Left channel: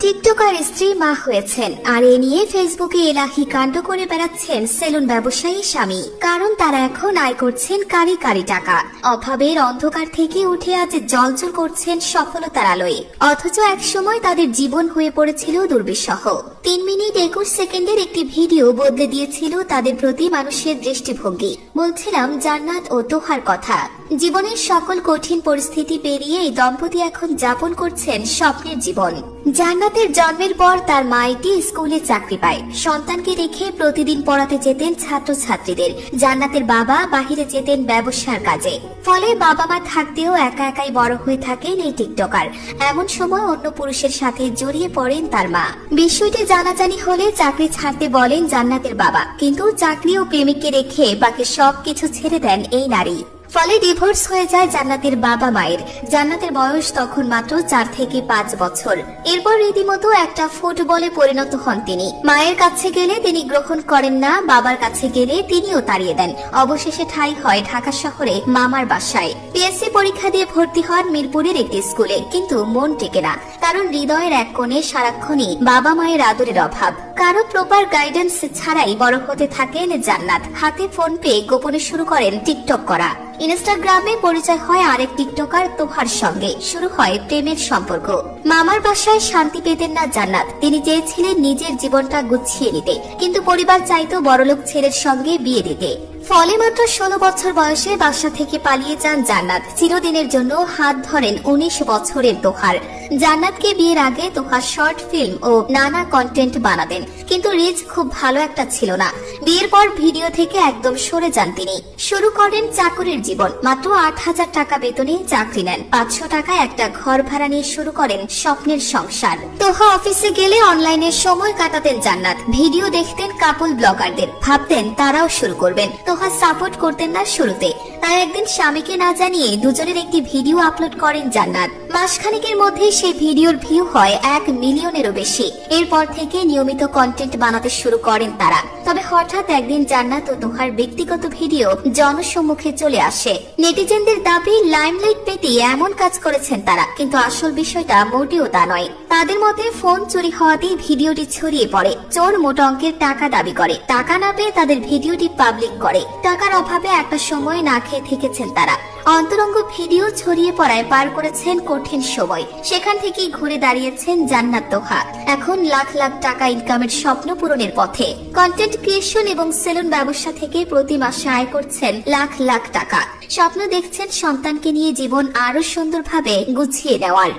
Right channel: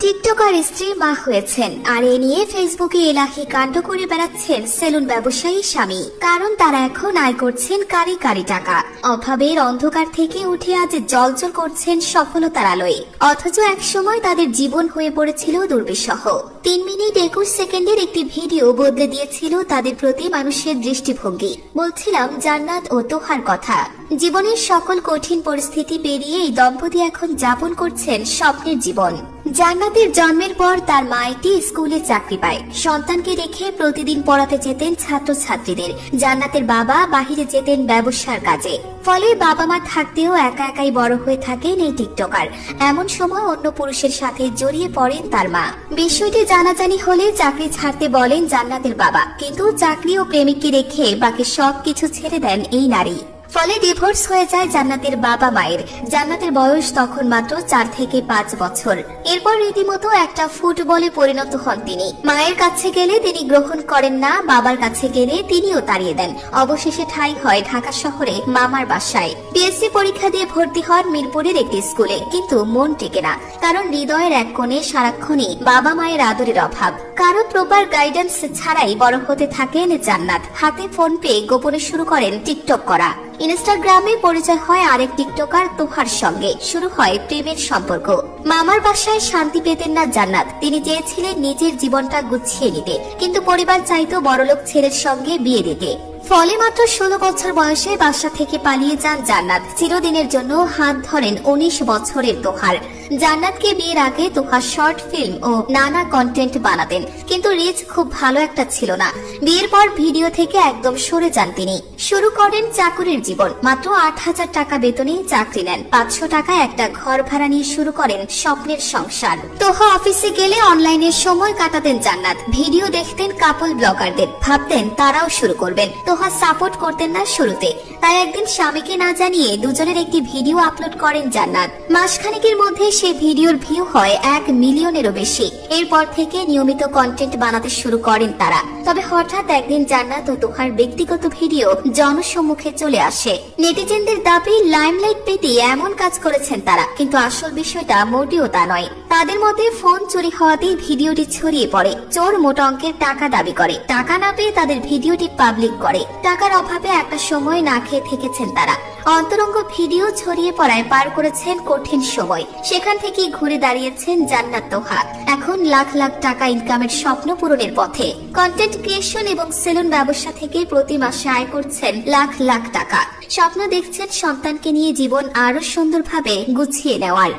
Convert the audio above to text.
TikToker স্ত্রী মা হয়েছেন আর এ নিয়ে ফেসবুকে এলাহি কাণ্ড করে বেড়াচ্ছেন সেলুন ব্যবসায়ী স্বামী। কারণ তারা এখন আয় করছেন কারি কারি টাকা। অভাবের অন্ধকার থেকে উঠে আজ জ্বলজ্বল করছেন সফলতার আলোয়। অথচ এক সময় তাদের জীবন হয়ে পড়েছিল দুর্বিষহ। 3 মিনিট 21 সেকেন্ডের একটি ভিডিও বদলে দিয়েছিল তাদের প্রতি মানুষের দৃষ্টিভঙ্গি। বলছিলাম জান্নাত ও তোহার কথা। জীবনের সকল কঠিন পরিস্থিতি পেরিয়ে এই দম্পতি এখন যাপন করছেন স্বপ্নের জীবন। জান্নাতের জন্মের পর তার মা একটি স্কুলে চাকরি পায়। সন্তানকে রেখে প্রতিদিন পড়াতে যেতেন ছাত্রছাত্রীদের। জান্নাতের বাবা বাহিরে যেতেন ব্যবসার কাজে। ফলে বাবা মা থাকতেও একা একাই বড় হয়ে থাকেন এই টিকটকার। এমন সময় অন্য পুরুষের সাথে জড়িয়ে পড়েন তার মা। বিষয়টি জানাজানি হলে চাকরি ছাড়তে বলেন জান্নাতের বাবা, কিন্তু চাকরি ও প্রেমিককে রেখে বাকি সবকিছু ছেড়ে দেন এই নারী। ফলে ডিভোর্স হয়ে যায় জান্নাতের বাবা মায়ের। জান্নাতের বয়স তখন মাত্র 4 থেকে 5 বছর। এরপর রীতিমতো একটা ফুটবলে পরিণত হন তিনি। মায়ের কাছে গেলে তিনি গ্রহণ করেন না, বাবার কাছে গেলে তিনিও তাড়িয়ে দেন। অবশেষে ঠাঁই হয় ঢাকা শহরে মামার বাসায়। পিএসসি পরীক্ষা দিয়ে ভর্তি হন মিরপুরের একটি স্কুলে, কিন্তু মন টেকে না। কারণ হৃদয়ের এক কোণে সারাক্ষণই বাবা মায়ের আদরের অভাব। কারো প্রপার গাইডেন্স ছাড়াই বড় হতে থাকেন জান্নাত। হাতে ফোন পেয়ে গোপনে শুরু করেন টিকটক করা। ইনস্টাগ্রামে পরিচয় হয় আরেক টিকটকার তোহার সঙ্গে। শুরু হয় প্রেমের সম্পর্ক। মামার বাসায় শান্তি পেতেন না জান্নাত। তিনি চেয়েছিলেন নিজের জীবনটা গুছিয়ে নিতে, কিন্তু পরিবার চাইতো বড়লোক ছেলের সঙ্গে বিয়ে দিতে। ফলে মাত্র 16 বছর বয়সে বাসা থেকে পালিয়ে যান জান্নাত। চিরদিনের জন্য হাত ধরেন 19 বছরের তোহার। জান্নাতকে বিয়ের আগে তোহা শর্ট ফিল্ম ও নানা কন্টেন্ট বানাতেন, কিন্তু রিচ খুব ভালো একটা ছিল না। বিয়ের পর ভিডিও থেকে একদম সরে যান তিনি। শুরু করেন চাকরের জীবন। মাত্র 8,000 টাকা বেতনে চাকরি নেন। 500 টাকা একটা ঘর ভাড়া নিয়ে শুরু করেন স্বপ্নের সংসার। তোহা অফিসে গেলে অনলাইনে সময় কাটাতেন জান্নাত। ভিডিও দেখতেন কাপল ব্লগারদের, ভাবতেন তারাও শুরু করবেন। তোহা সাপোর্ট করতেন না শুরুতে। তাই একদিন স্বামীকে না জানিয়ে দুজনের একটি ভিডিও আপলোড করেন জান্নাত। মাসখানেকের মধ্যে সেই ভিডিওর ভিউ হয় 1 মিলিয়নেরও বেশি। এরপর থেকে নিয়মিত কন্টেন্ট বানাতে শুরু করেন তারা। তবে হঠাৎ একদিন জান্নাত ও তোহার ব্যক্তিগত ভিডিও জনসম্মুখে চলে আসে। নেটিজেনদের দাবি লাইমলাইট পেতে এমন কাজ করেছেন তারা, কিন্তু আসল বিষয়টা মোটেও তা নয়। তাদের মতে ফোন চুরি হওয়াতেই ভিডিওটি ছড়িয়ে পড়ে। চোর মোটা অঙ্কের টাকা দাবি করে। টাকা না পেয়ে তাদের ভিডিওটি পাবলিক করে। টাকার অভাবে একটা সময় না খেয়ে থেকেছেন তারা। অন্তরঙ্গ ভিডিও ছড়িয়ে পড়ায় পার করেছেন কঠিন সময়। সেখান থেকেই ঘুরে দাঁড়িয়েছেন জান্নাত তোহা। এখন লাখ লাখ টাকা ইনকামের স্বপ্ন পূরণের পথে। কন্টেন্ট ক্রিয়েশন এবং সেলুন ব্যবসা থেকে প্রতি মাসে আয় করছেন লাখ লাখ টাকা। স্বপ্ন দেখছেন সন্তানকে নিয়ে জীবন আরো সুন্দরভাবে গুছিয়ে নেওয়ার।